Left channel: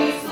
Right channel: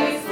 Jesus.